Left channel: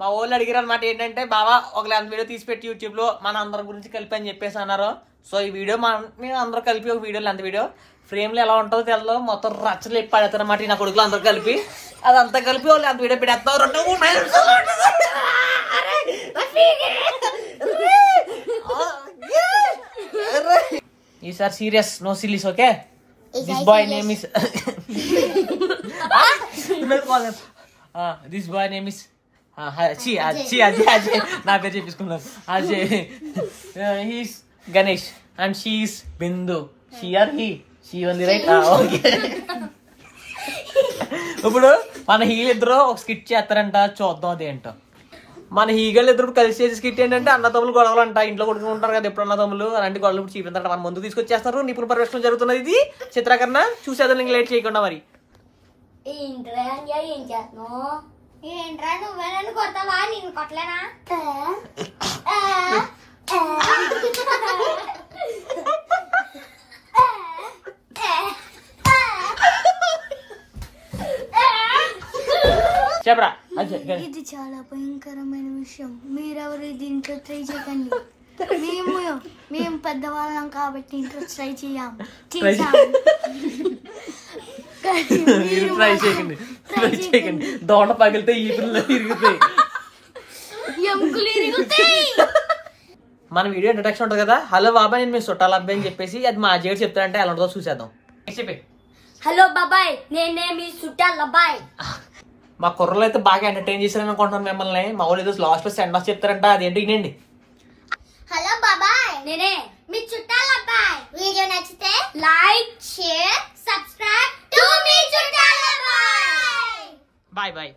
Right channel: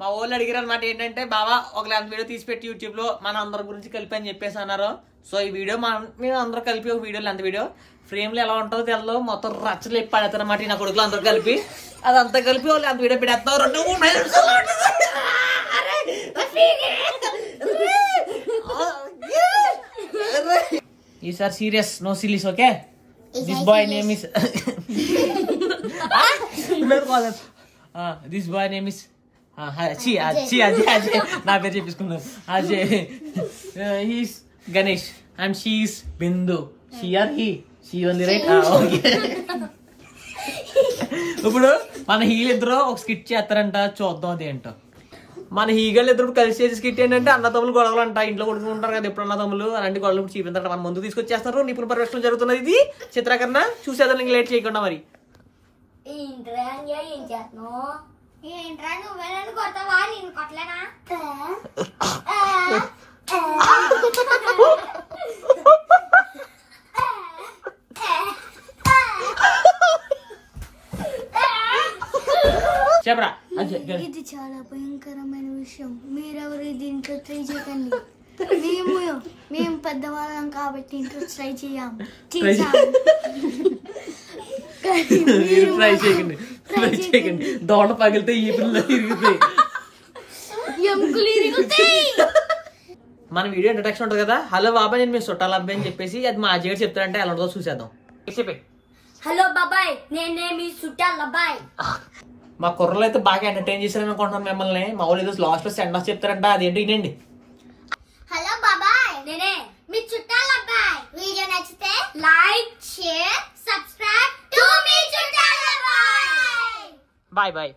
మా వాళ్ళు అడిగారు అనమాట ఏంటంటే బావా ఒక లెంత్ వీడియో తీసి పెట్టి యూట్యూబ్ లో మన అందరి గురించి కలిపి అని చెప్పేసి అన్నారు. సో ఈ వీడియో మేము అందరూ కలిపి ఒక వీడియో లెంత్ వీడియో ఫ్రేమ్ లో ఎలా ఉంటుందో తెలదు మొత్తం రచ్చలు ఎప్పి పడతారు అనమాట నా కొడుకులు అందరూ కలిపి అదంతా కలిపి వాళ్ళు అంత వీడియో పెడతాం 2-3 నిమిషాలు. ఈసారి serious no sillies okay. This boy name is this boy name is Ajay నా పేరు చెప్పించుకున్నాను Ajay. He's Ganesh and she's Bindu. She are she only right okay. ఇప్పుడు మన హీలిద్దరు ఒక స్కిట్ చేస్తారంట చూద్దాం అదేంటో. మన హీగళ్ళు ఇద్దరు కలిసి చేసే స్కిట్ ఏంటంటే అన్నదమ్ములు గొడవలు అంట. ఇంట్లో కొడుకుంటారు కదా ఎప్పుడు అన్నదమ్ములు అలాంటి గొడవలు ఇప్పుడు చూపించారంట. మన ముందుకు తీసుకొచ్చేస్తారు. నిపుణ పర్యవేక్షణ జరుగుతున్నది. ఇది చిత్రీకరణ చూసేదాన్ని ఇంక లేట్ చేయకుండా మరి ఏంట్రా నువ్వే నన్ను కొడతావా? నేను కొట్టలేనా? చెప్పరా. ఇది చాలా భయంకరమైన విషయం. మీరెవరు దీంట్లో ట్రై చేయకండి. మేము పెద్దవాళ్ళం కాబట్టి ఇంట్లో ట్రై చేయాం. ట్రై చేయకండి. దోట పగిలితే ఈ పిల్లలు ఇరుగుతాయి. మన వీడియో ఇంట్రడక్షన్ ఉంటుంది కదా. హలో బాబాయ్ నేను మీ చుట్టాల అబ్బాయి అని చెప్పేసి అది మా అజయ్ చెప్తారంటే ఎలా ఉంటుందో చూసేద్దాం. చెప్పి హలో బాబాయ్ నేనే మీ చుట్టాల అబ్బాయి. మా కుర్రలు అయితే బాగా ఎంటర్టైన్ చేశారని అనుకుంటున్నాను మిమ్మల్ని. మా వాళ్ళు ఏదో లాస్ట్ లో సెండ్ ఆఫ్ చెప్తారంట అదేంటి వినండి. హలో బాబాయ్ నేనే మీ చుట్టాల అబ్బాయి. వీడియో నచ్చితే లైక్ షేర్ సబ్స్క్రైబ్ టు మీ చుట్టాల అబ్బాయి. Bye bye.